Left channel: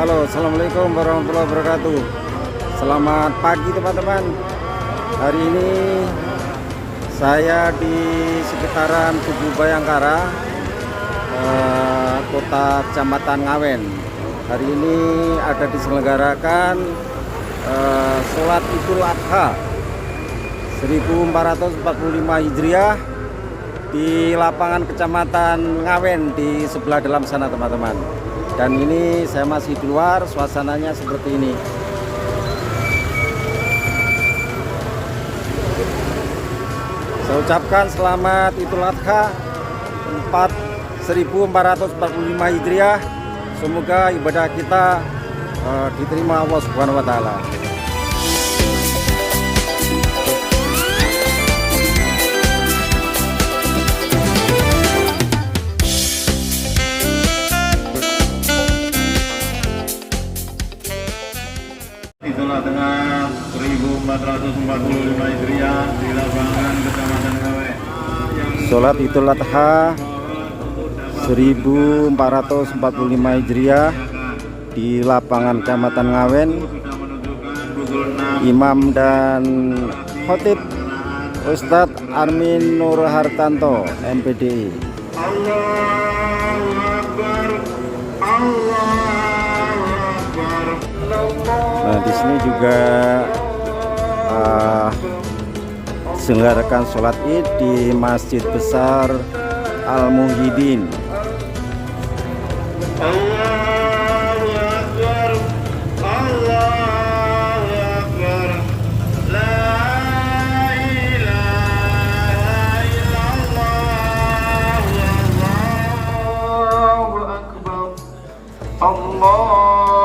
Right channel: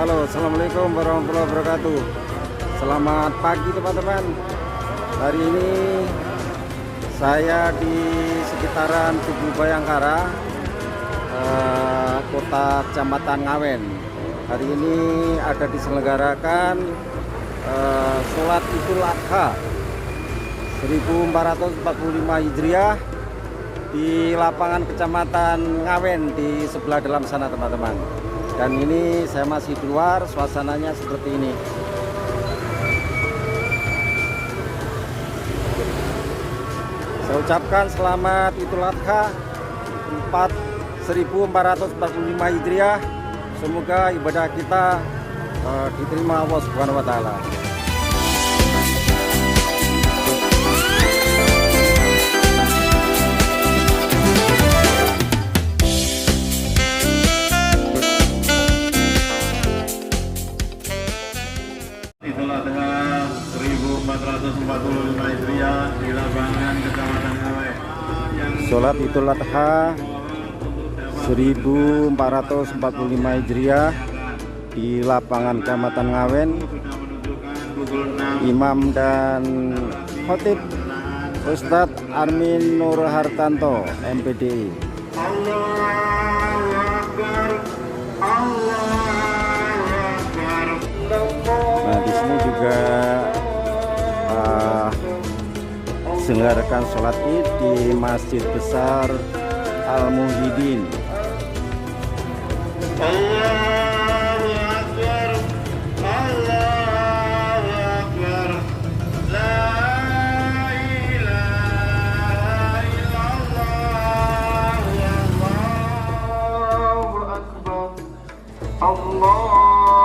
Halo, assalamualaikum warahmatullahi wabarakatuh. Selamat pagi teman-teman. Hari ini saya di sekitaran Tugu Bayangkara, kota Kecamatan Ngawen. Hari ini ada diselenggarakan sholat Idul Adha 1445 Hijriah di lapangan Kecamatan Ngawen di sebelah dalam sana teman-teman. Dan ini saya masih di luar, suasananya seperti ini. Saya ucapkan selamat Idul Adha 1445 Hijriah. Semoga ibadah kita diterima Allah Subhanahu wa taala. Idul Adha 1445 Hijriah di lapangan Kecamatan Ngawen. Sholat Idul Adha 1445 Hijriah di lapangan Kecamatan Ngawen. Imam dan khotib Ustadz Armin Nur Hartanto, MPDI. Allahu Akbar, Allahu Akbar. Nah, di sini juga diselenggarakan sholat Id di Masjid Besar Al Muhyiddin. Allahu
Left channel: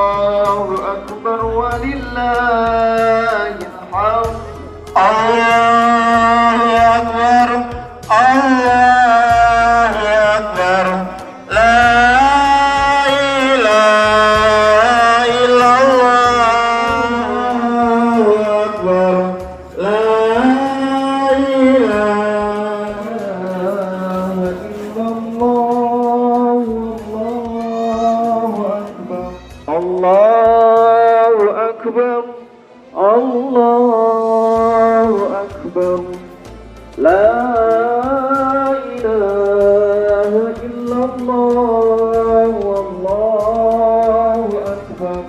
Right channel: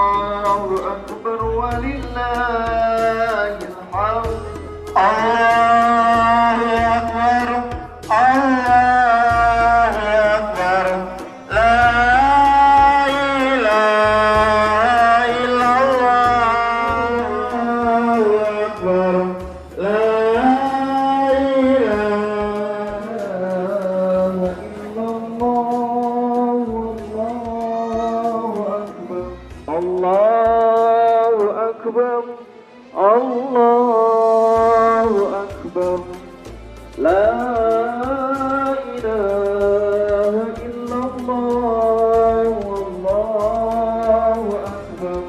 Akbar, la ilaha illallah, Allahu Akbar,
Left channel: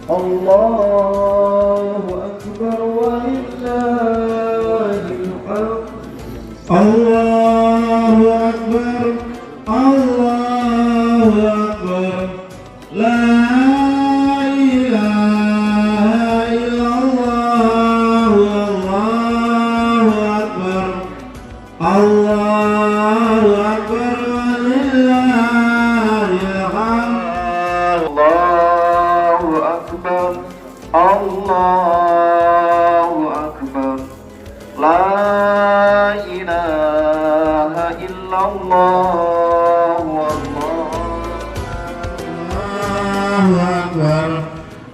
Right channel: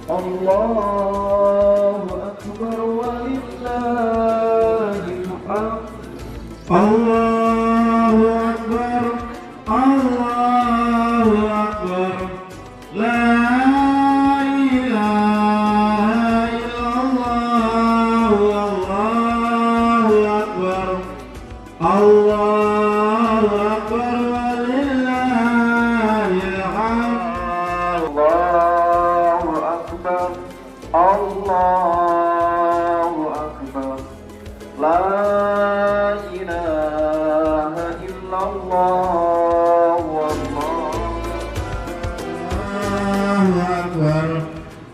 Allahu Akbar walillahil hamd. Allahu Akbar, Allahu Akbar, la Allahu Akbar, la ilaha illallah, Allahu Akbar,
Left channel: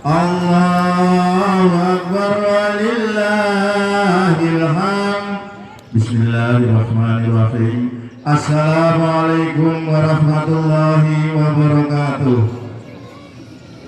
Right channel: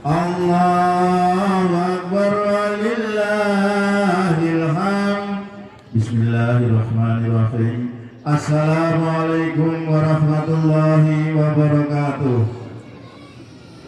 Allahu Akbar walillahil hamd. Bismillahirrahmanirrahim. Assalamualaikum warahmatullahi wabarakatuh.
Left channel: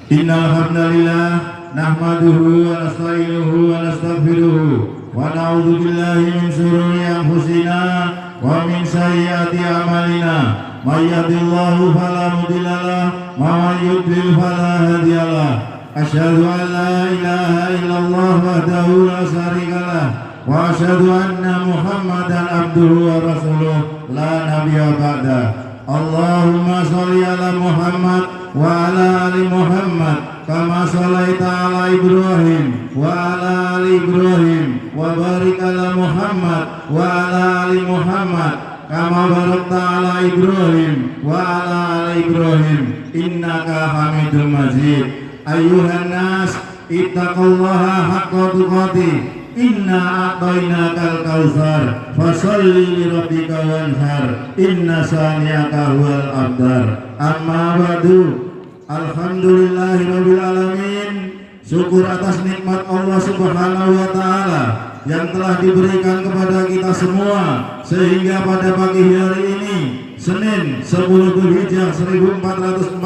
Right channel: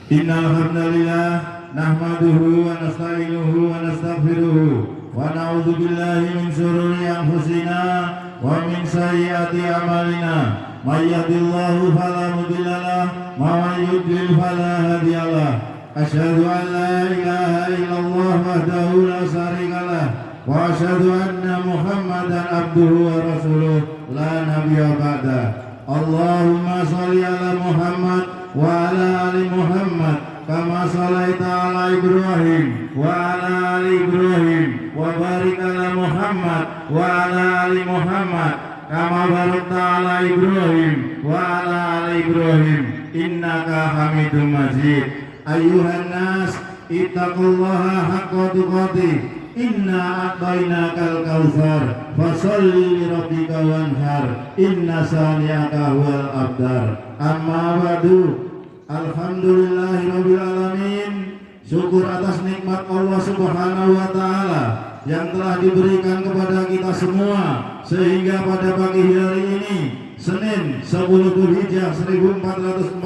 Innal hamdalillah nahmaduhu wa nasta'inuhu wa nastaghfiruhu wa na'udzu billahi min shururi anfusina wa min sayyiati a'malina. May yahdihillahu fala mudhillalah wa may yudlil fala hadiyalah. Asyhadu an la ilaha illallah wahdahu la syarikalah wa asyhadu anna Muhammadan abduhu wa rasuluh la nabiyya ba'da. Allahumma shalli ala Muhammad wa ala ali Muhammad kama shalaita ala Ibrahim wa ala ali Ibrahim wa barik ala Muhammad wa ala ali Muhammad kama barakta ala Ibrahim wa ala ali Ibrahim innaka Hamidum Majid. Ayyuhan nas ittaqullaha haqqa tuqatih, inna a'tainakal kautsar fasholli li rabbika wanhar inna saniyaka huwal abtar. Amma ba'du. Alhamdulillahirabbil alamin. Syukur atas nikmat Allah Subhanahu wa taala yang telah diberikan kepada kita semua sehingga pada pagi hari ini Senin 10 Dzulhijjah 1445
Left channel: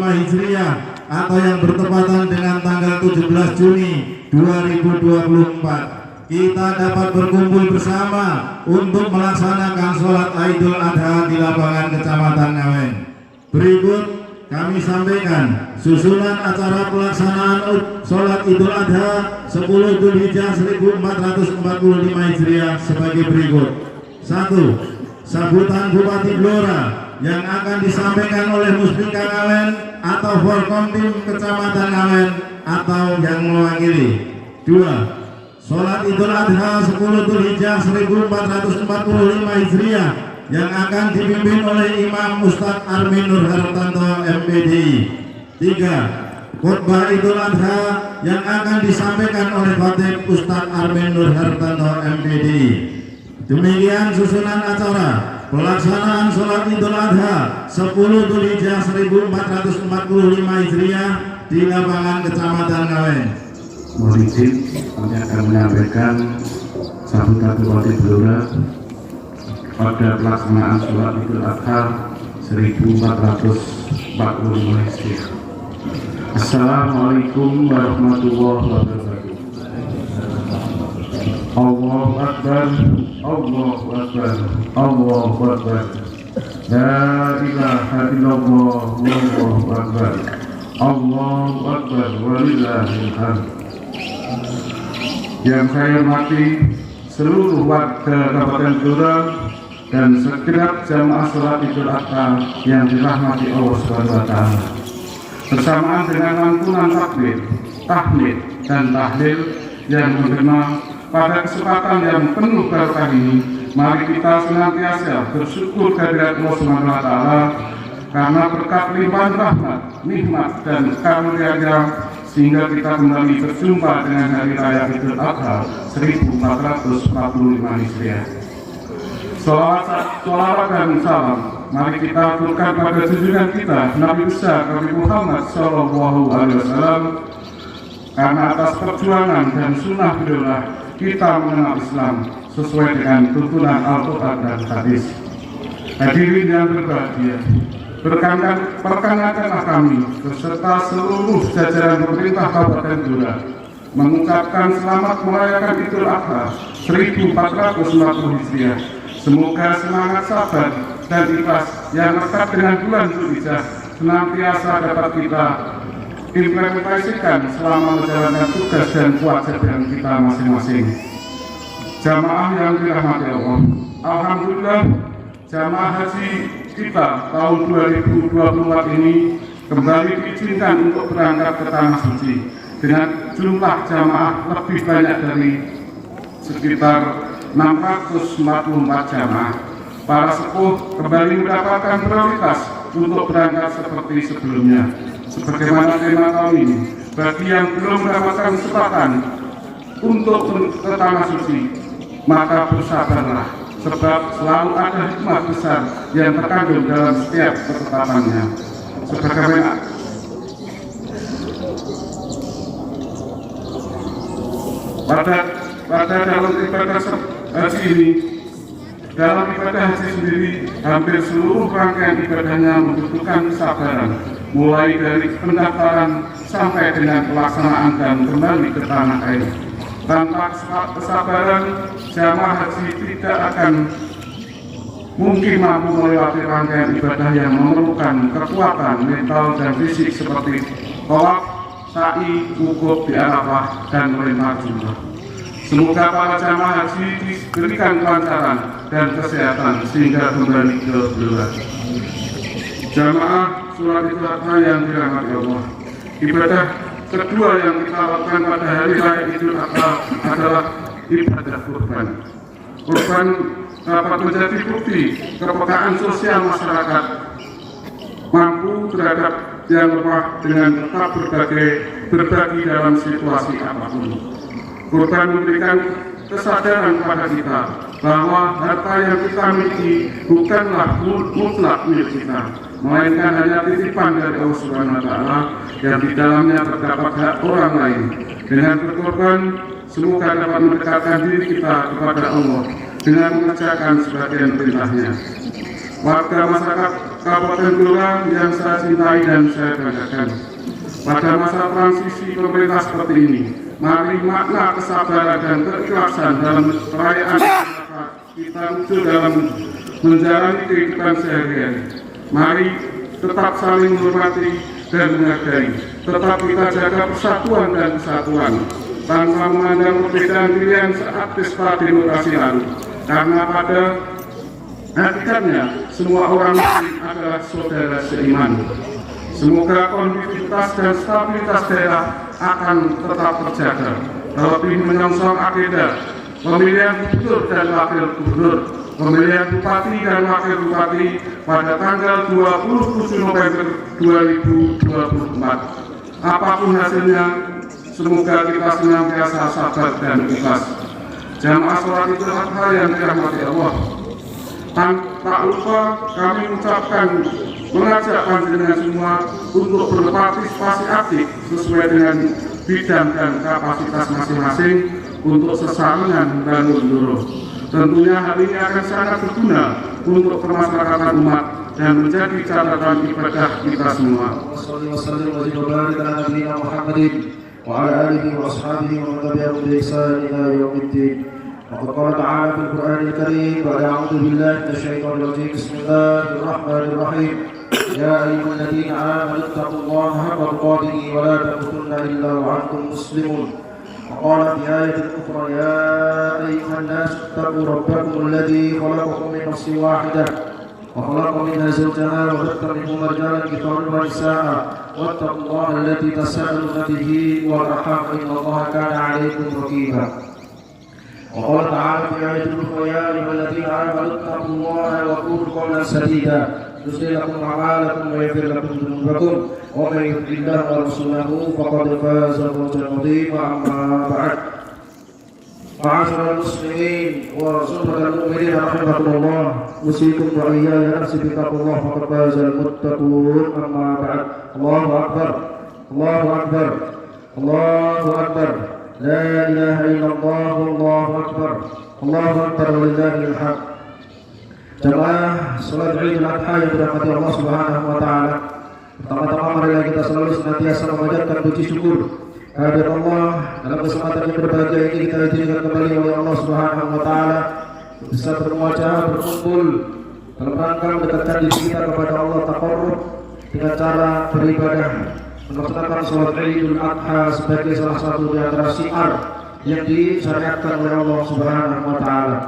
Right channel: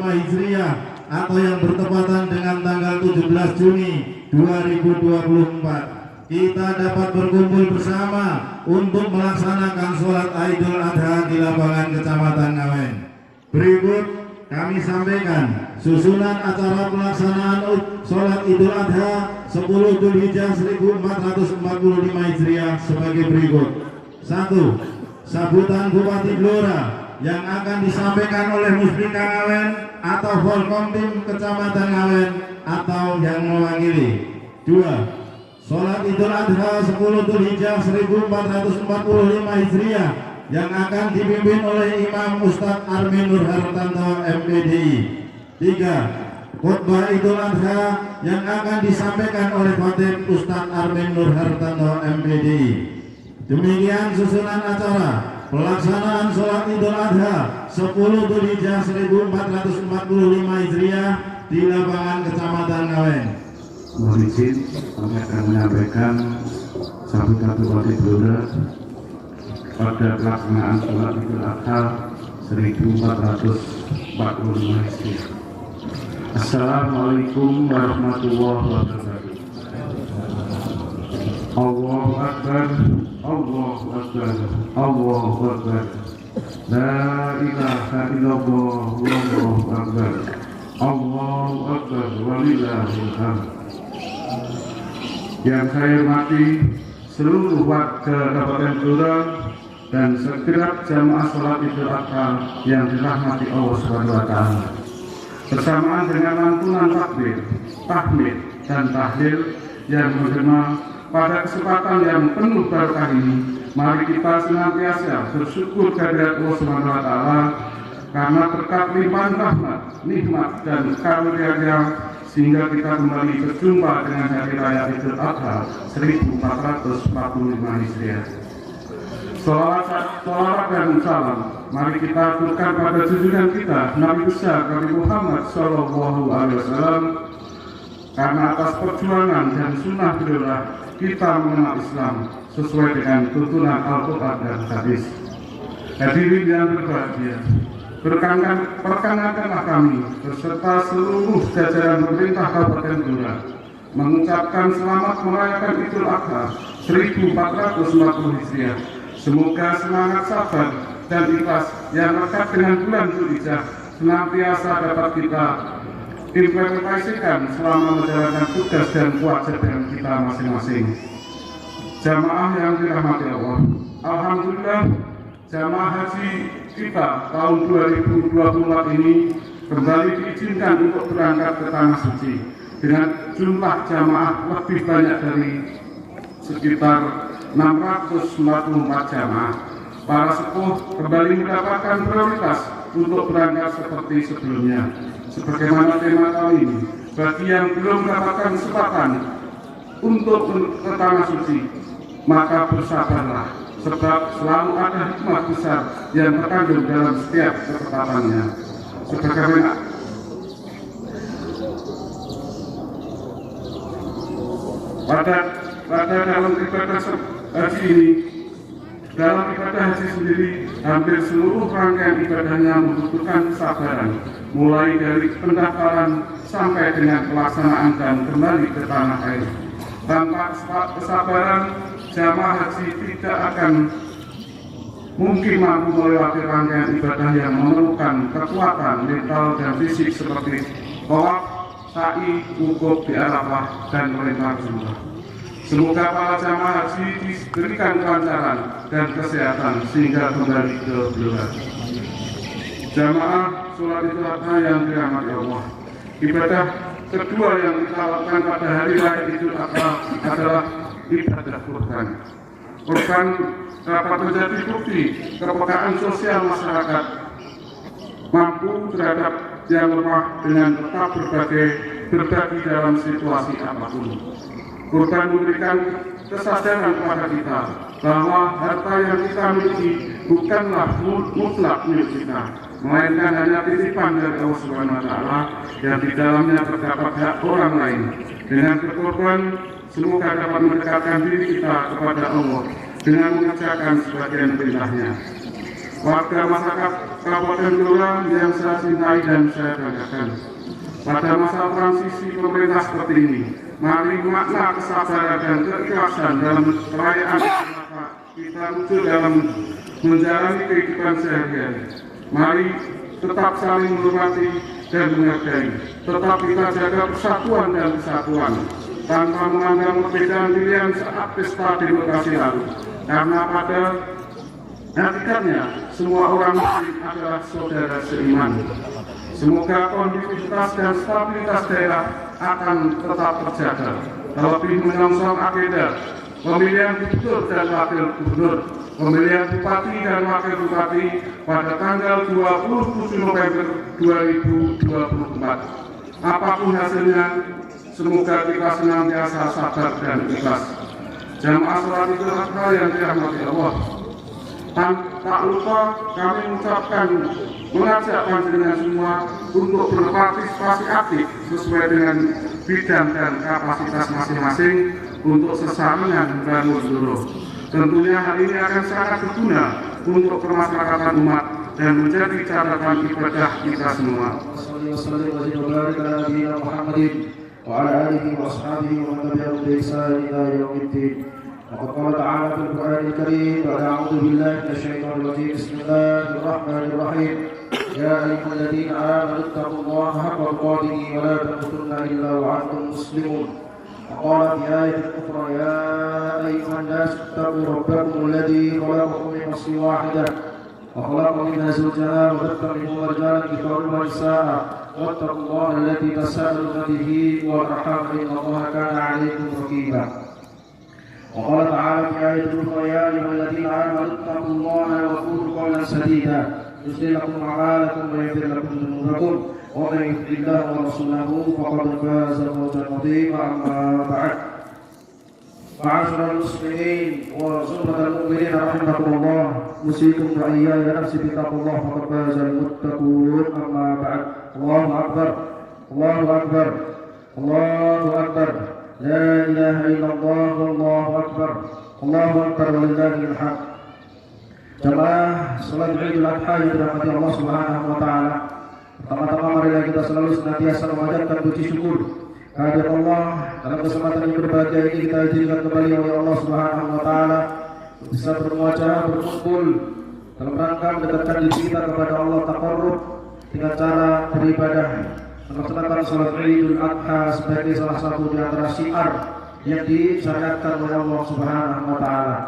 Hijriah atau yang bertepatan dengan tanggal 17 Juni 2024, kita dapat berkumpul bersama untuk melaksanakan sholat Idul Adha di lapangan Kecamatan Ngawen. Berikut kami sampaikan susunan acara pelaksanaan sholat Idul Adha 10 Dzulhijjah 1445 Hijriah sebagai berikut. 1. Sambutan Bupati Blora yang akan disampaikan oleh Muspika Ngawen atau Forkomtim Kecamatan Ngawen atau yang mewakili. 2. Sholat Idul Adha 10 Dzulhijjah 1445 Hijriah yang akan dipimpin oleh Imam Ustadz Armin Nur Hartanto MPDI. 3. Khutbah Idul Adha yang akan disampaikan oleh Khatib Ustadz Armin Nur Hartanto MPDI. Demikian susunan acara pelaksanaan sholat Idul Adha 10 Dzulhijjah 1445 Hijriah di lapangan Kecamatan Ngawen. Mohon izin, kami akan menyampaikan sambutan Bupati Blora pada pelaksanaan sholat Idul Adha 1445 Hijriah. Assalamualaikum warahmatullahi wabarakatuh. Allahu Akbar, Allahu Akbar, Allahu Akbar. La ilaha illallah, wallahu akbar. Allahu Akbar, walillahil hamd. Yang saya hormati seluruh warga Kabupaten Blora dan segenap jamaah sholat Idul Adha yang dirahmati Allah Subhanahu wa Ta'ala. Bersamaan dengan lantunan takbir, tahmid dan tahlil yang menggema pada kesempatan yang penuh barokah ini, mari kita senantiasa bersyukur kehadirat Allah Subhanahu wa Ta'ala karena berkat limpahan rahmat, nikmat dan karunia-Nya sehingga kita kembali berjumpa dengan hari raya Idul Adha 1445 Hijriah. Sholawat dan salam mari kita aturkan pada junjungan kita Nabi besar Nabi Muhammad Sallallahu Alaihi Wasallam, karena atas perjuangan dan sunnah beliau kita mengenal Islam sesuai dengan tuntunan Al-Quran dan Hadis. Hadirin yang berbahagia, perkenankanlah kami beserta seluruh jajaran pemerintah Kabupaten Blora mengucapkan selamat merayakan Idul Adha 1440 Hijriah. Semoga semangat sabar dan ikhlas yang lekat dengan bulan Dzulhijjah senantiasa dapat kita implementasikan selama menjalankan tugas dan kewajiban kita masing-masing. Jamaah yang dirahmati Allah, alhamdulillah jamaah haji kita tahun 2024 ini kembali diizinkan untuk berangkat ke Tanah Suci dengan jumlah jamaah lebih banyak dari sekitar 644 jamaah. Para sepuh kembali mendapatkan prioritas untuk berangkat seperti sebelumnya. Sebagaimana tema tahun ini, bagi yang belum mendapatkan kesempatan untuk ke Tanah Suci, maka bersabarlah, sebab selalu ada hikmah besar yang terkandung dalam setiap ketetapannya. Sebagaimana pada dalam ibadah haji ini, dalam ibadah haji sendiri, hampir seluruh rangkaian ibadahnya membutuhkan kesabaran, mulai dari pendaftaran sampai dengan pelaksanaan dan kembali ke tanah air. Tanpa kesabaran, jamaah haji tidak akan mungkin mampu melewati rangkaian ibadah yang memerlukan kekuatan mental dan fisik seperti tawaf, sa'i, wukuf di Arafah, dan melempar jumrah. Semoga para jamaah haji diberikan kelancaran dan kesehatan sehingga kembali ke Blora. Jamaah sholat Idul Adha yang dirahmati Allah, ibadah kedua yang kita lakukan pada hari raya Idul Adha adalah ibadah kurban. Kurban dapat menjadi bukti kepekaan sosial masyarakat mampu terhadap yang lemah dengan tetap berbagi dalam situasi apapun. Kurban memberikan kesadaran kepada kita bahwa harta yang kita miliki bukanlah mutlak milik kita, melainkan hanya titipan dari Allah Subhanahu wa Ta'ala yang di dalamnya terdapat hak orang lain. Dengan berkorban, semoga dapat mendekatkan diri kita kepada Allah dengan mengerjakan sebagian perintahnya. Warga masyarakat Kabupaten Blora yang saya cintai dan saya banggakan, Pada masa transisi pemerintah seperti ini, mari makna kesabaran dan keikhlasan dalam perayaan kita muncul dalam menjalani kehidupan sehari-hari. Mari tetap saling menghormati dan menghargai. Tetap kita jaga persatuan dan kesatuan tanpa memandang perbedaan pilihan saat pesta demokrasi lalu. Karena pada hakikatnya semua orang Muslim adalah saudara seiman. Semoga kondusivitas dan stabilitas daerah akan tetap terjaga. Terlebih menyongsong agenda pemilihan gubernur dan wakil gubernur, pemilihan bupati dan wakil bupati pada tanggal 27 November 2024. Apapun hasilnya, semoga kita senantiasa sabar dan ikhlas. Jamaah sholat Idul Adha yang dirahmati Allah, tak lupa kami mengajak panjenengan semua untuk berpartisipasi aktif sesuai dengan bidang dan kapasitas masing-masing untuk sesaringan membangun Bluro. Tentunya hal ini akan sangat berguna untuk kemasyarakatan umat dan menjadi catatan ibadah kita semua. وقد قال تعالى في القرآن الكريم بعد أعوذ بالله من الشيطان الرجيم بسم الله الرحمن الرحيم يا أيها الذين آمنوا اتقوا الله حق تقاته ولا تموتن إلا وأنتم مسلمون. وقال في آية أخرى يا أيها الناس اتقوا ربكم الذي خلقكم من نفس واحدة وخلق منها زوجها وبث منهما رجالا كثيرا ونساء واتقوا الله الذي تساءلون به والأرحام إن الله كان عليكم رقيبا. وقال تعالى في آية أخرى يا أيها الذين آمنوا اتقوا الله وقولوا قولا سديدا يصلح لكم أعمالكم ويغفر لكم ذنوبكم ومن يطع الله ورسوله فقد فاز فوزا عظيما. أما بعد، معاشر المسلمين وزمرة المؤمنين رحمكم الله، أوصيكم وإياي نفسي بتقوى الله فقد فاز المتقون. أما بعد، الله أكبر الله أكبر الله أكبر لا إله إلا الله والله أكبر الله أكبر ولله الحمد. Jamaah salat Idul Adha yang dirahmati Allah Subhanahu wa taala. Pertama-tama marilah kita selalu senantiasa memanjatkan puji syukur kehadirat Allah dalam kesempatan yang berbahagia ini kita izinkan kembali oleh Allah Subhanahu wa taala bisa bermuajah berkumpul dalam rangka mendekatkan diri kita kepada Allah taqarrub dengan cara beribadah melaksanakan salat Idul Adha sebagai salah satu di antara syiar yang disyariatkan oleh Allah Subhanahu wa taala.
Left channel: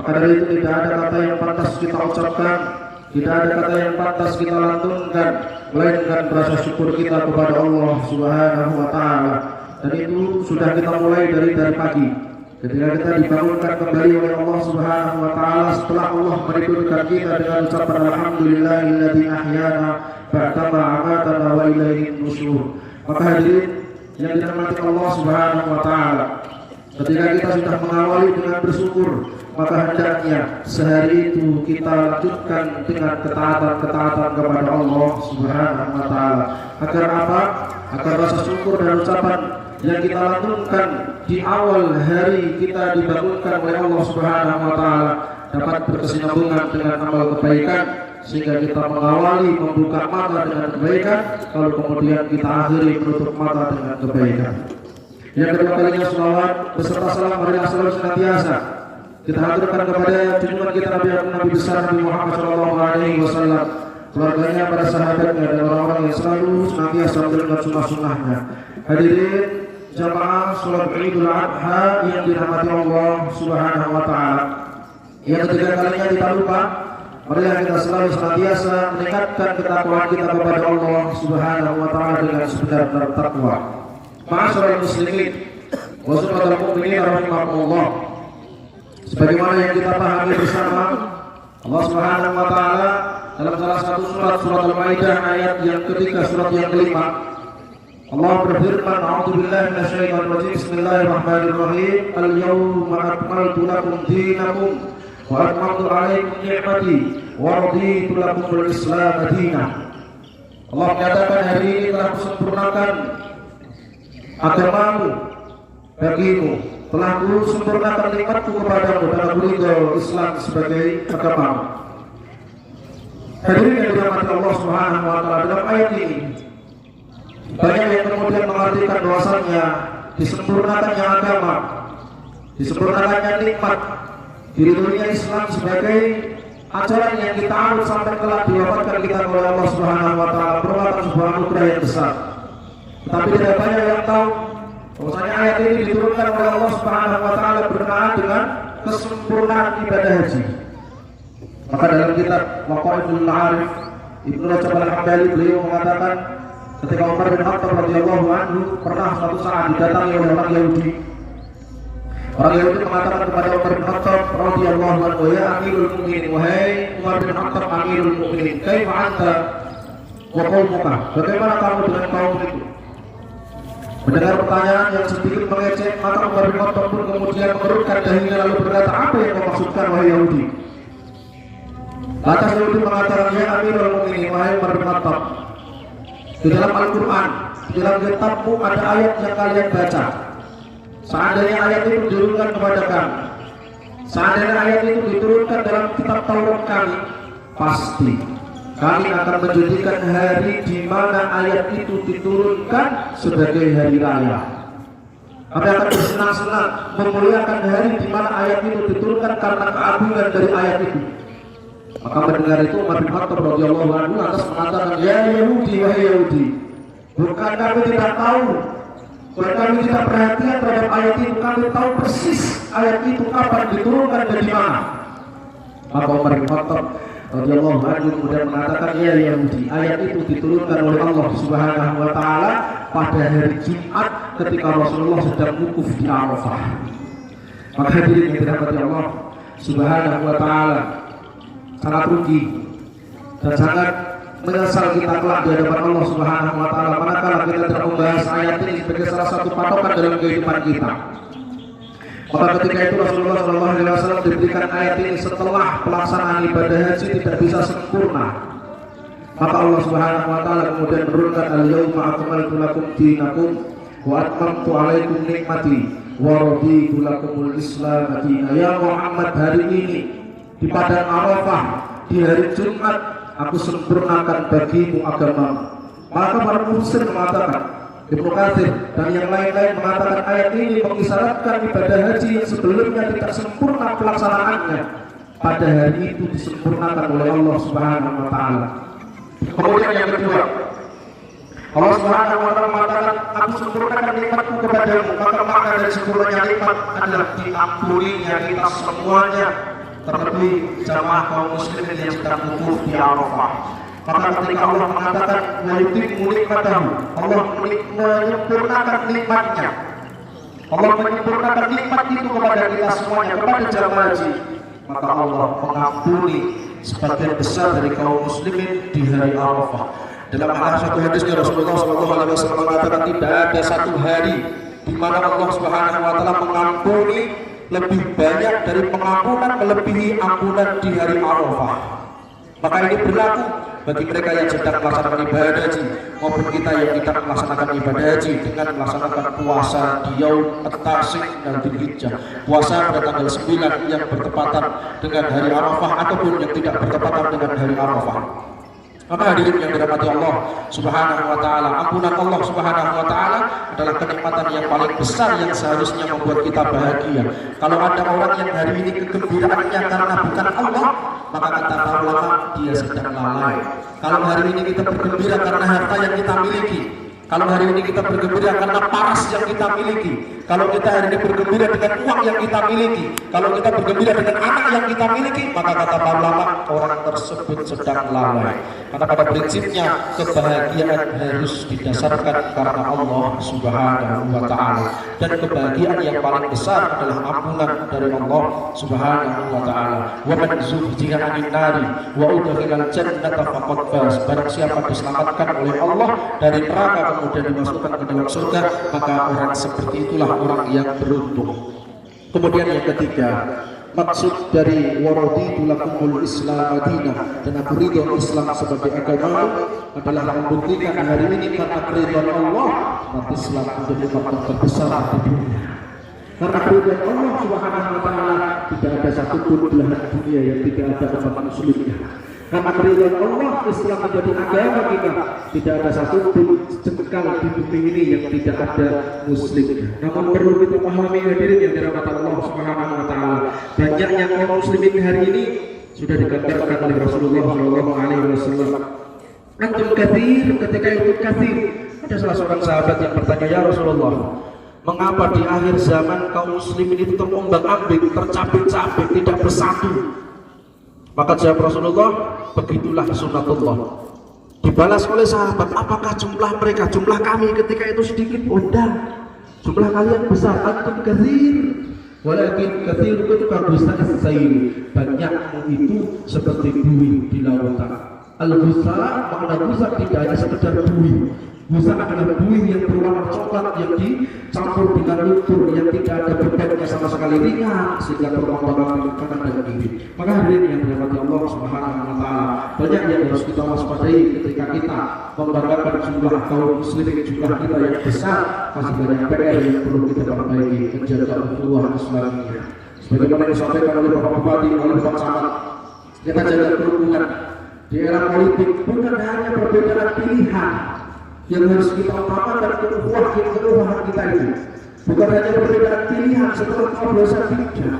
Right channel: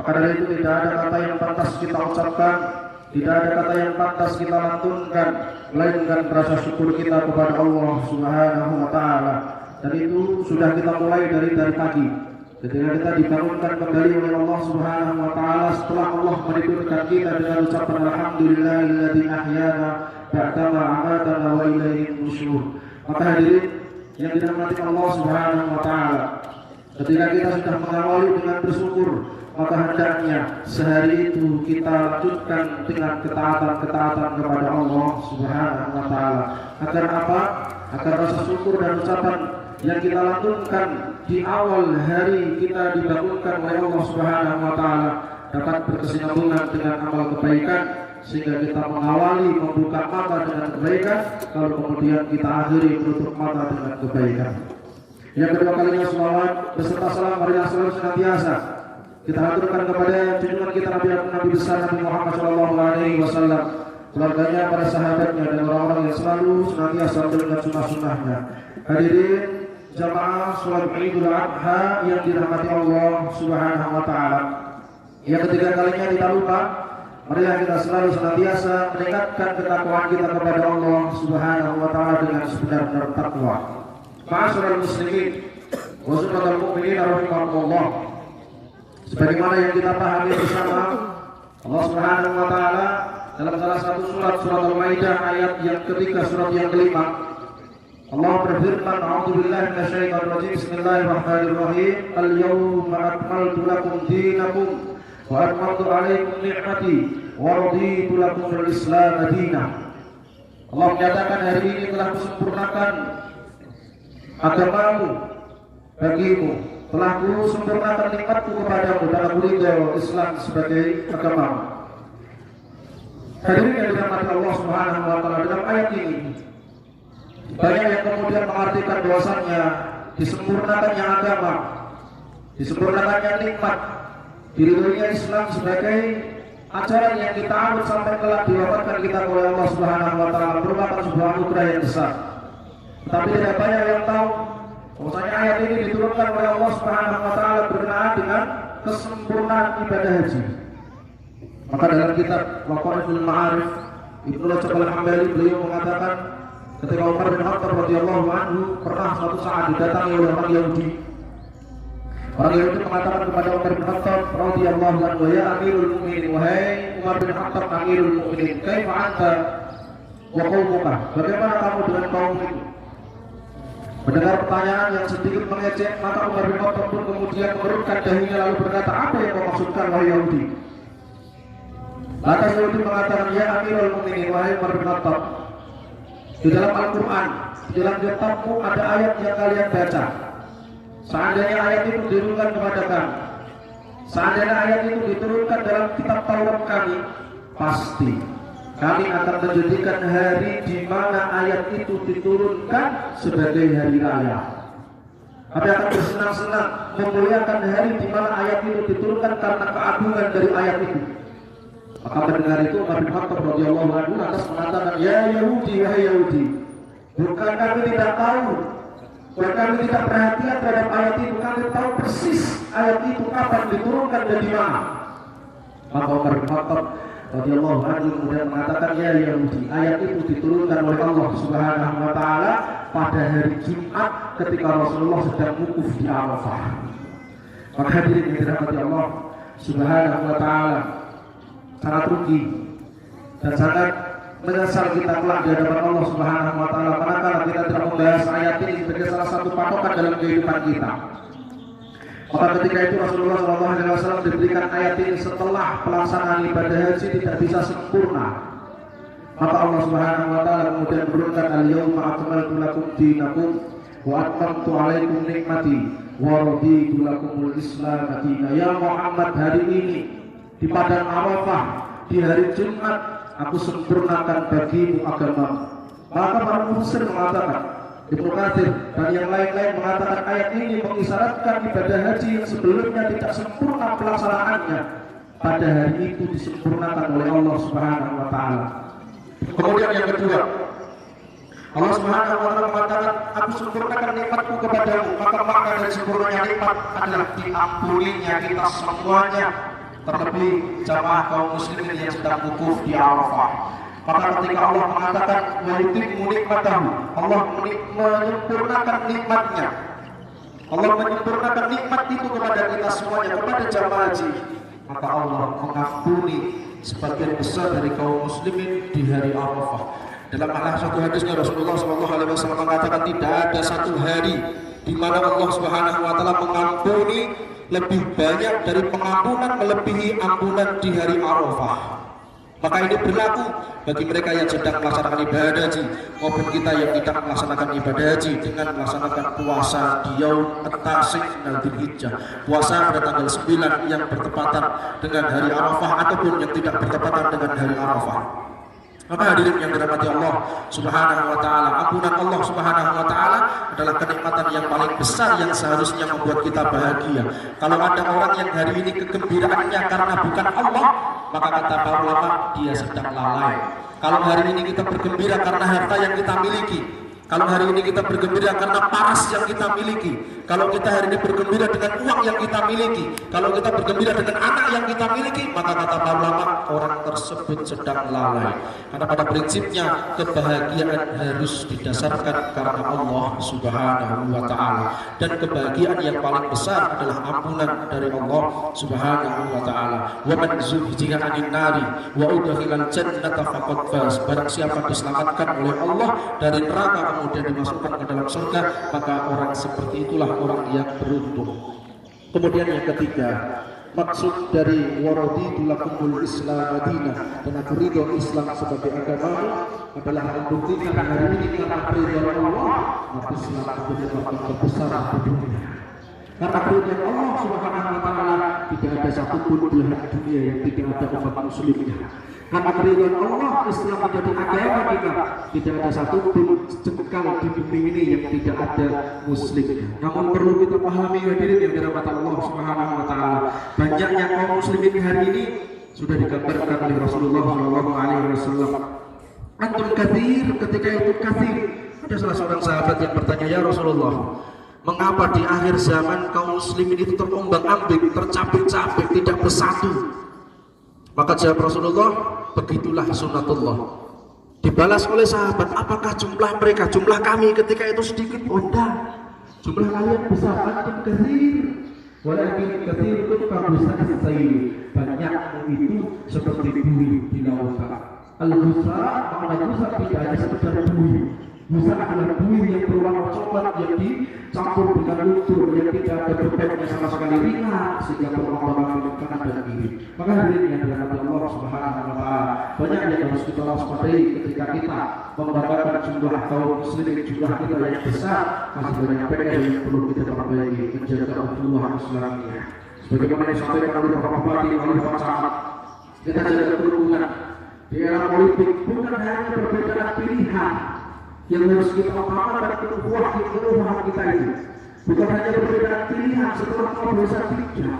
Maka dari itu tidak ada kata yang pantas kita ucapkan, tidak ada kata yang pantas kita lantunkan melainkan rasa syukur kita kepada Allah Subhanahu wa taala. Dan itu sudah kita mulai dari pagi. Ketika kita dibangunkan kembali oleh Allah Subhanahu wa taala setelah Allah menidurkan kita dengan ucapan alhamdulillahilladzi ahyana ba'dama amatana wa ilaihin nusyur. Maka hadirin yang dirahmati Allah Subhanahu wa taala, ketika kita sudah mengawali dengan bersyukur, maka hendaknya sehari itu kita lanjutkan dengan ketaatan kepada Allah Subhanahu wa taala. Agar apa? Agar rasa syukur dan ucapan yang kita lakukan di awal hari kita dibangunkan oleh Allah Subhanahu wa taala dapat berkesinambungan dengan amal kebaikan, sehingga kita mengawali membuka mata dengan kebaikan, lalu kemudian kita akhiri menutup mata dengan kebaikan. Yang kedua kalinya selawat beserta salam marilah selalu senantiasa kita haturkan kepada junjungan kita Nabi besar Nabi Muhammad SAW, keluarganya, para sahabatnya, dan orang-orang yang selalu senantiasa menjalankan sunnah-sunnahnya. Hadirin jamaah salat Idul Adha yang dirahmati Allah Subhanahu wa taala. Yang ketiga kalinya kita lupa, marilah kita selalu senantiasa meningkatkan ketakwaan kita kepada Allah Subhanahu wa taala dengan sebenar-benar takwa. Ma'asyiral muslimin wa zumratal mu'minin rahimakumullah. Sebagaimana yang kita pahami bersama, Allah Subhanahu wa taala dalam salah satu surat Al-Maidah ayat yang ketiga, surat yang kelima, Allah berfirman, a'udzubillahi minasyaitonir rajim, bismillahirrahmanirrahim, al-yawma akmaltu lakum dinakum wa atmamtu 'alaikum ni'mati wa raditu lakum al-islam madinah. Allah menyatakan hari ini telah kusempurnakan agamamu bagimu, telah kusempurnakan nikmatku kepadamu dan aku ridho Islam sebagai agamamu. Hadirin yang dirahmati Allah Subhanahu wa taala, dalam ayat ini Banyak yang kemudian mengartikan bahwasannya disempurnakannya agama, disempurnakannya nikmat, diridhoinya Islam sebagai ajaran yang kita anut sampai kelak diwafatkan kita oleh Allah Subhanahu wa taala merupakan sebuah anugerah yang besar. Tetapi tidak banyak yang tahu bahwasanya ayat ini diturunkan oleh Allah Subhanahu wa taala berkenaan dengan kesempurnaan ibadah haji. Maka dalam kitab Waqaiful Ma'arif Ibnu Rajab Al-Hambali beliau mengatakan ketika Umar bin Khattab radhiyallahu anhu pernah suatu saat didatangi oleh orang Yahudi. Orang Yahudi mengatakan kepada Umar bin Khattab radhiyallahu anhu, "Ya Amirul Mukminin, wahai Umar bin Khattab Amirul Mukminin, kaifa anta wa qaumuka?" Bagaimana kamu dengan kaum itu? Mendengar pertanyaan yang sedikit mengejek, maka Umar bin Khattab pun kemudian mengerutkan dahinya lalu berkata, "Apa yang kau maksudkan wahai Yahudi?" Lantas Yahudi mengatakan, "Ya Amirul Mukminin, wahai Umar bin Khattab, di dalam Al-Quran, di dalam kitabmu ada ayat yang kalian baca. Seandainya ayat itu diturunkan kepada kami, seandainya ayat itu diturunkan dalam kitab Taurat kami, pasti kami akan menjadikan hari di mana ayat itu diturunkan sebagai hari raya. Kami akan bersenang-senang memuliakan hari di mana ayat itu diturunkan karena keagungan dari ayat itu." Maka mendengar itu Umar bin Khattab radhiyallahu anhu lantas mengatakan, "Ya Yahudi, wahai Yahudi, bukan kami tidak tahu, bukan kami tidak perhatian terhadap ayat itu, kami tahu persis ayat itu kapan diturunkan dan di mana." Maka Umar bin Khattab radhiyallahu anhu kemudian mengatakan, "Ya Yahudi, ayat itu diturunkan oleh Allah Subhanahu wa taala pada hari Jumat ketika Rasulullah sedang wukuf di Arafah." Maka hadirin yang dirahmati Allah Subhanahu wa taala, sangat rugi dan sangat menyesal kita kelak di hadapan Allah Subhanahu wa taala manakala kita tidak membahas ayat ini sebagai salah satu patokan dalam kehidupan kita. Maka ketika itu Rasulullah SAW diberikan ayat ini setelah pelaksanaan ibadah haji tidak bisa sempurna. Maka Allah Subhanahu wa taala kemudian menurunkan, "Al-yauma akmaltu lakum dinakum wa atmamtu 'alaikum nikmati wa raditu lakumul Islam dinan." Ya Muhammad, hari ini di padang Arafah, di hari Jumat, aku sempurnakan bagimu agamamu. Maka para mufassir mengatakan, Ibnu Katsir dan yang lain-lain mengatakan ayat ini mengisyaratkan ibadah haji yang sebelumnya tidak sempurna pelaksanaannya pada hari itu disempurnakan oleh Allah Subhanahu wa taala. Kemudian yang kedua, Allah Subhanahu wa taala mengatakan, "Aku sempurnakan nikmatku kepadamu." Maka makna dari sempurnanya nikmat adalah diampuninya kita semuanya, terlebih jamaah kaum muslimin yang sedang wukuf di Arafah. Maka ketika Allah mengatakan "Wayutimmu nikmatahu", Allah menyempurnakan nikmatnya. Allah menyempurnakan nikmat itu kepada kita semuanya, kepada jamaah haji. Maka Allah mengampuni sebagian besar dari kaum muslimin di hari Arafah. Dalam satu hadisnya Rasulullah SAW mengatakan tidak ada satu hari di mana Allah Subhanahu wa taala mengampuni lebih banyak dari pengampunan melebihi ampunan di hari Arafah. Maka ini berlaku bagi mereka yang sedang melaksanakan ibadah haji maupun kita yang tidak melaksanakan ibadah haji dengan melaksanakan puasa di Yaum At-Tasik dan Dzulhijjah, puasa pada tanggal 9 yang bertepatan dengan hari Arafah ataupun yang tidak bertepatan dengan hari Arafah. Maka hadirin yang dirahmati Allah Subhanahu wa taala, ampunan Allah Subhanahu wa taala adalah kenikmatan yang paling besar yang seharusnya membuat kita bahagia. Kalau ada orang yang hari ini kegembiraannya karena bukan Allah, maka kata para ulama dia sedang lalai. Kalau hari ini kita bergembira karena harta yang kita miliki, kalau hari ini kita bergembira karena paras yang kita miliki, kalau kita hari ini bergembira dengan uang yang kita miliki, kalau kita bergembira dengan anak yang kita miliki, maka kata para ulama orang tersebut sedang lalai. Karena pada prinsipnya kebahagiaan harus didasarkan karena Allah Subhanahu wa taala, dan kebahagiaan yang paling besar adalah ampunan dari Allah Subhanahu wa taala. Wa man zuhziha 'anil nari wa udkhilal jannata faqad faz. Barang siapa diselamatkan oleh Allah dari neraka kemudian dimasukkan ke dalam surga, maka orang seperti itulah orang yang beruntung. Kemudian yang ketiga, maksud dari waraditu lakumul Islam dinan, dan aku ridho Islam sebagai agama adalah membuktikan hari ini karena ridho Allah, maka Islam menjadi nikmat terbesar di dunia. Karena ridho Allah Subhanahu wa taala tidak ada satupun belahan dunia yang tidak ada umat muslimnya. Karena keridhaan Allah, Islam menjadi agama kita. Tidak ada satupun jengkal di bumi ini yang tidak ada muslimnya. Namun perlu kita pahami hadirin yang dirahmati Allah Subhanahu wa taala. Banyaknya kaum muslimin hari ini sudah digambarkan oleh Rasulullah SAW. Antum katsir, ketika itu katsir. Ada salah seorang sahabat yang bertanya, ya Rasulullah, mengapa di akhir zaman kaum muslimin itu terombang-ambing, tercapek-capek, tidak bersatu? Maka jawab Rasulullah, begitulah sunatullah. Dibalas oleh sahabat, apakah jumlah mereka, jumlah kami ketika itu sedikit? Oh enggak, jumlah kalian besar. Antum katsir, walakin katsir itu kabusat sayyi, banyakmu itu seperti buih di lautan. Al-busa, makna busa tidak hanya sekedar buih. Busa adalah buih yang berwarna coklat yang dicampur dengan lumpur yang tidak ada bentuknya sama sekali, ringan sehingga berlomba-lomba kanan dan kiri. Maka hadirin yang dirahmati Allah Subhanahu wa taala, banyak yang harus kita waspadai ketika kita membanggakan jumlah kaum muslimin, jumlah kita yang besar. Masih banyak PR yang perlu kita perbaiki, menjaga ukhuwah Islamiyah. Sebagaimana disampaikan oleh Bapak Bupati, oleh Pak Camat, kita jaga kerukunan di era politik. Bukan hanya perbedaan pilihan yang harus kita utamakan, keukhuwahan kita itu bukan hanya perbedaan pilihan setelah coblosan tidak,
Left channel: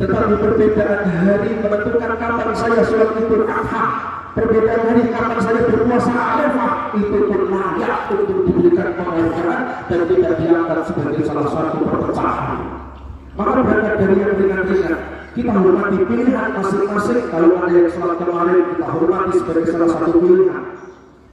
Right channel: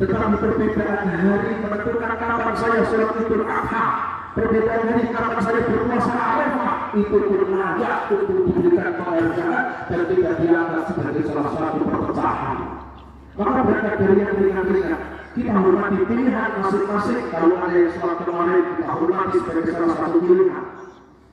tetapi perbedaan hari menentukan kapan saya sholat Idul Adha, perbedaan hari kapan saya berpuasa Arafah, itu pun layak untuk diberikan penghargaan dan tidak dianggap sebagai salah satu perpecahan. Maka berangkat dari yang ringan-ringan, kita hormati pilihan masing-masing. Kalau ada yang sholat kemarin, kita hormati sebagai salah satu pilihan.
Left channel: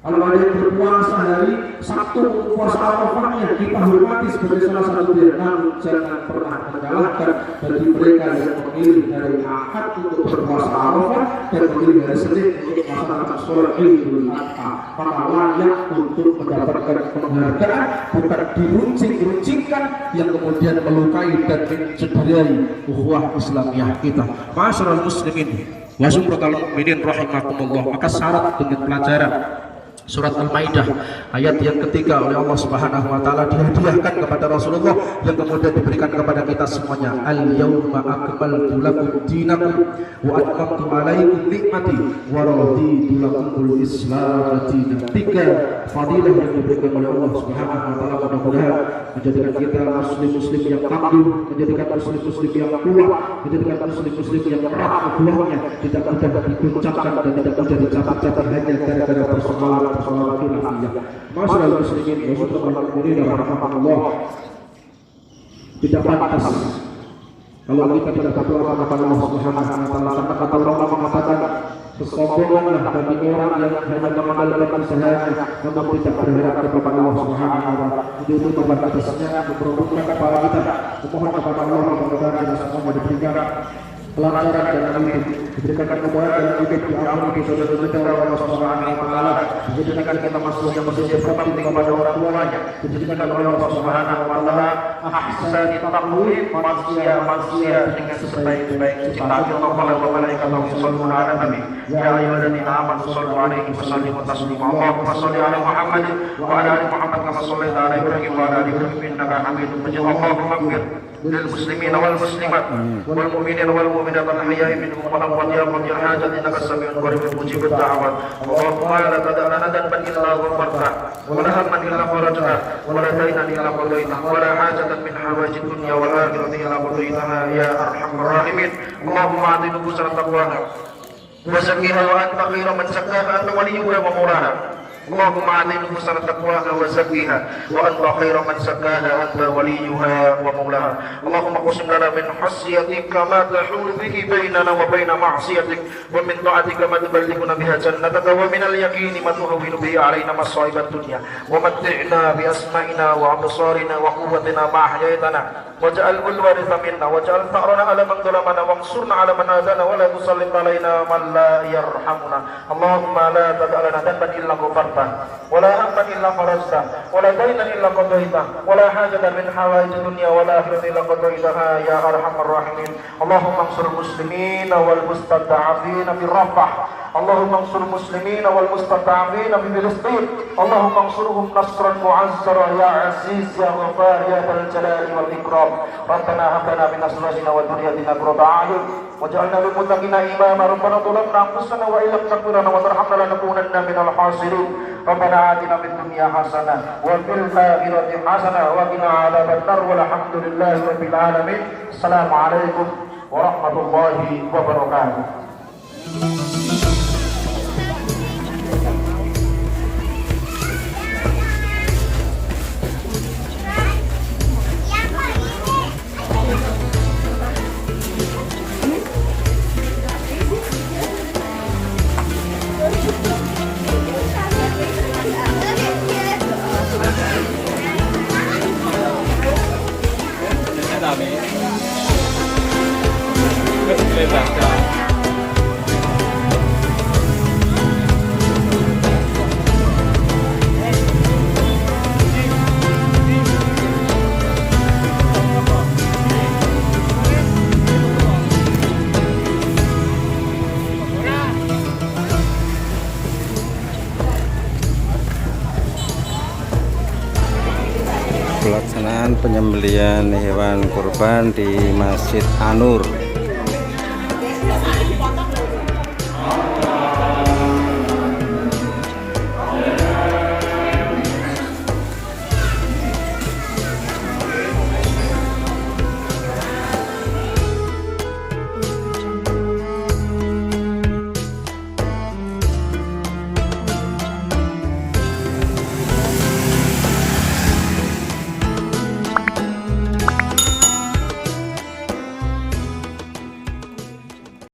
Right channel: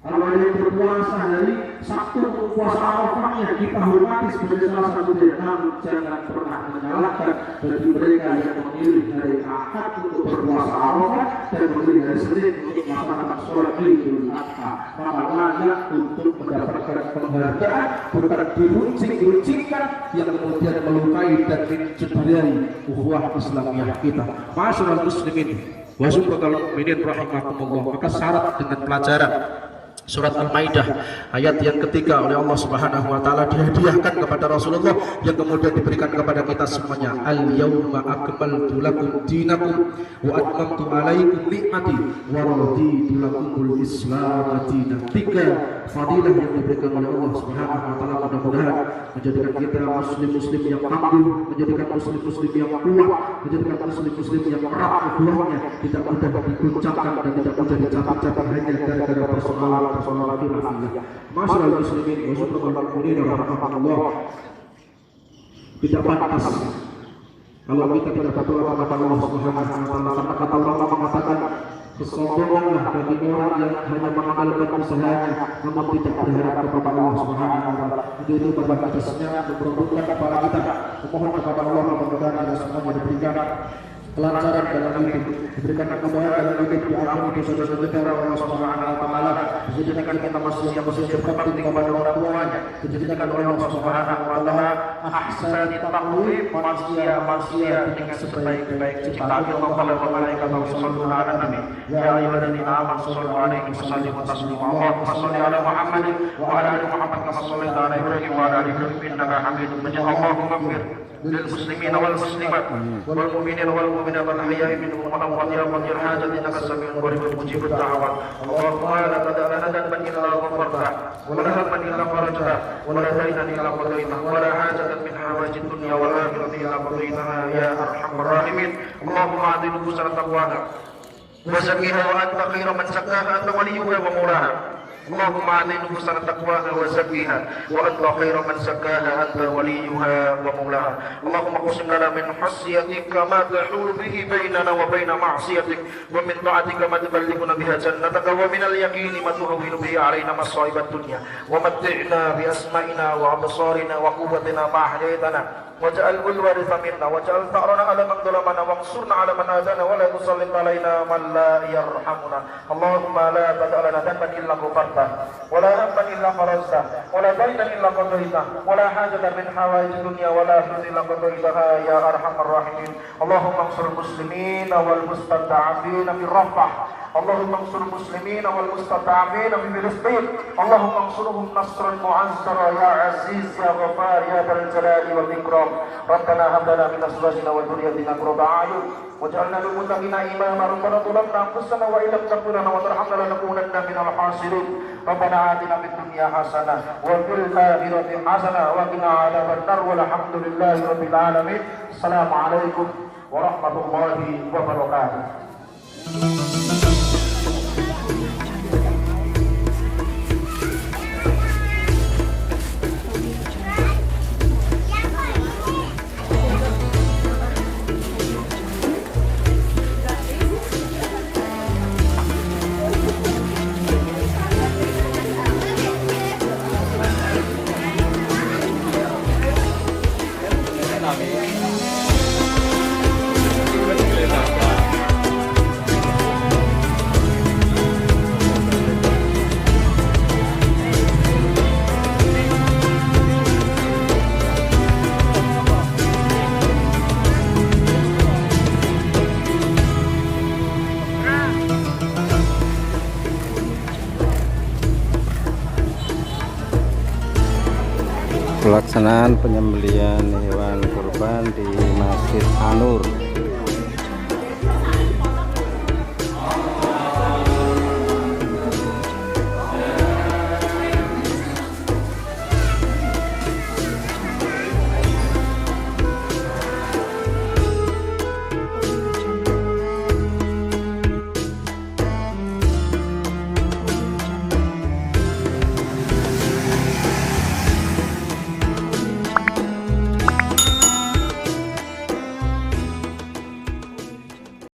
Kalau ada yang berpuasa hari Sabtu, puasa Arafahnya, kita hormati sebagai salah satu pilihan. Namun jangan pernah menyalahkan bagi mereka yang memilih dari Ahad untuk berpuasa Arafah dan memilih hari Senin untuk melaksanakan sholat Idul Adha. Maka layak untuk mendapatkan penghargaan, bukan diruncing-runcingkan yang kemudian melukai dan mencederai ukhuwah Islamiyah kita. Ma'asyiral muslimin wa sumratul mu'minin rahimakumullah. Maka syarat dengan pelajaran Surat Al-Maidah ayat yang ketiga oleh Allah Subhanahu wa taala dihadiahkan kepada Rasulullah yang kemudian diberikan kepada kita semuanya. Al-yauma akmaltu lakum dinakum wa atmamtu alaikum ni'mati wa raditu lakumul Islam dinan. Tiga fadilah yang diberikan oleh Allah Subhanahu wa taala mudah-mudahan menjadikan kita muslim-muslim yang tangguh, menjadikan muslim-muslim yang kuat, menjadikan muslim-muslim yang erat ukhuwahnya, tidak mudah digoncangkan dan tidak mudah dicatat-catat hanya gara-gara persoalan khilafiyah. Masyaallah muslimin wa sallallahu rahmatullah. Tidak pantas kalau kita tidak berdoa kepada Allah Subhanahu wa taala. Kata Allah mengatakan, bersombonglah bagi orang yang hanya mengandalkan usahanya namun tidak berharap kepada Allah Subhanahu wa taala. Itu kepada atasnya memperuntukkan kepala kita. Mohon kepada Allah mudah-mudahan kita semua diberikan kelancaran dalam hidup, diberikan kemudahan dalam hidup, diampuni dosa-dosa kita oleh Allah Subhanahu wa taala, dijadikan kita masuk yang masjid berbakti kepada orang tuanya, dijadikan oleh Allah Subhanahu wa taala ahsani taqwim, manusia dengan sebaik-baik ciptaan Allah wa malaikatahu yusholluna 'alan nabi ya ayyuhalladzina amanu shallu 'alaihi wa sallimu taslima. Allahumma shalli 'ala Muhammad wa 'ala ali Muhammad kama shallaita 'ala Ibrahim wa 'ala ali Ibrahim innaka Hamidum Majid. Allahumma ighfir lil muslimina wal muslimat wal mu'minina wal mu'minat al ahya'i minhum wal amwat ya qadir hadzal innaka sami'un qaribun mujibud da'awat. Allahumma la tad'a lana dhanban illa ghafarta wa la hamman illa farajta wa la daynan illa qadaita wa la hajatan min hawajid dunya wal akhirati illa qadaitaha ya arhamar rahimin. Allahumma ati nufusana taqwaha wa zakkiha wa anta khairu man zakkaha anta waliyuha wa mawlaha. اللهم أعطي نفوسنا تقواها وزكها وأنت خير من زكاها أنت وليها ومولاها. اللهم اقسم لنا من خشيتك ما تحول به بيننا وبين معصيتك ومن طاعتك ما تبلغنا بها جنتك ومن اليقين ما تهون به علينا مصائب الدنيا ومتعنا بأسمائنا وأبصارنا وقوتنا ما أحييتنا واجعل الوارث منا واجعل ثأرنا على من ظلمنا وانصرنا على من آذانا ولا تسلط علينا من لا يرحمنا. اللهم لا تدع لنا ذنبا إلا غفرته ولا هما إلا فرجته ولا دينا إلا قضيته ولا حاجة من حوائج الدنيا والآخرة إلا قضيتها يا أرحم الراحمين. اللهم انصر المسلمين والمستضعفين في الرفح اللهم انصر المسلمين والمستضعفين في فلسطين اللهم انصرهم نصرا معزرا يا عزيز يا غفار يا ذا الجلال والإكرام ربنا هب لنا من أزواجنا وذرياتنا قرة أعين واجعلنا للمتقين إماما ربنا ظلمنا أنفسنا وإن لم تغفر لنا وترحمنا لنكونن من الخاسرين ربنا آتنا في الدنيا حسنة وفي الآخرة حسنة وقنا عذاب النار والحمد لله رب العالمين السلام عليكم ورحمة الله وبركاته. Pelaksanaan penyembelihan hewan kurban di Masjid An-Nur